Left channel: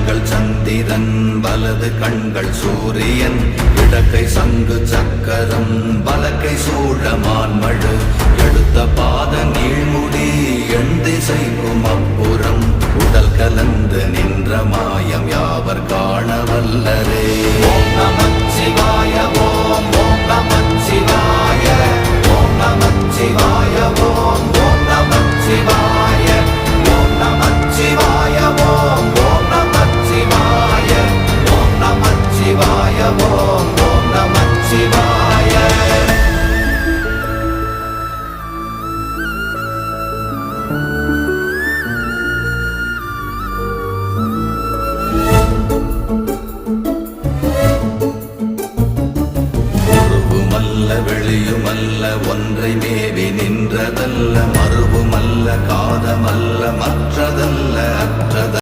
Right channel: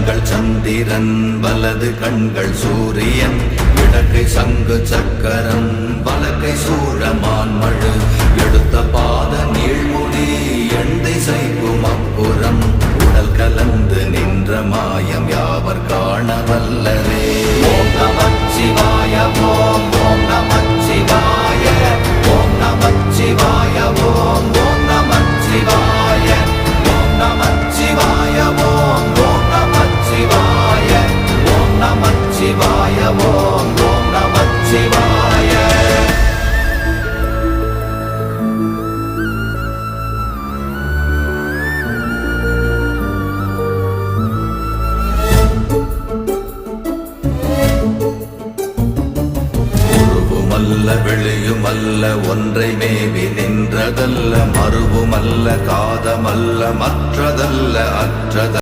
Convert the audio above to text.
கண்கள் சந்திரன் வலது கண்கள் சூரியன் இடக்கை சங்கு சக்கரம் வலக்கை சூழமான்மழு எடுத்த பாத நீழ்முடி எண் திசைக்கும் அப்புறம் உடல் கலந்து நின்ற மாயம் யாவர் காண வல்லரே. ஓம் நமச்சிவாய ஓம் ஓம் நமச்சிவாய ஓம் நமச்சிவாய ஓம் ஓம் நமச்சிவாய ஓம் நமச்சிவாய ஓம் ஓம் நமச்சிவாய ஓம் நமச்சிவாய ஓம் ஓம் நமச்சிவாய. வெளியுமல்ல ஒன்றை மேவி நின்றதல்ல மறுவுமல்ல காதமல்ல மற்றதல்ல அற்றதல்ல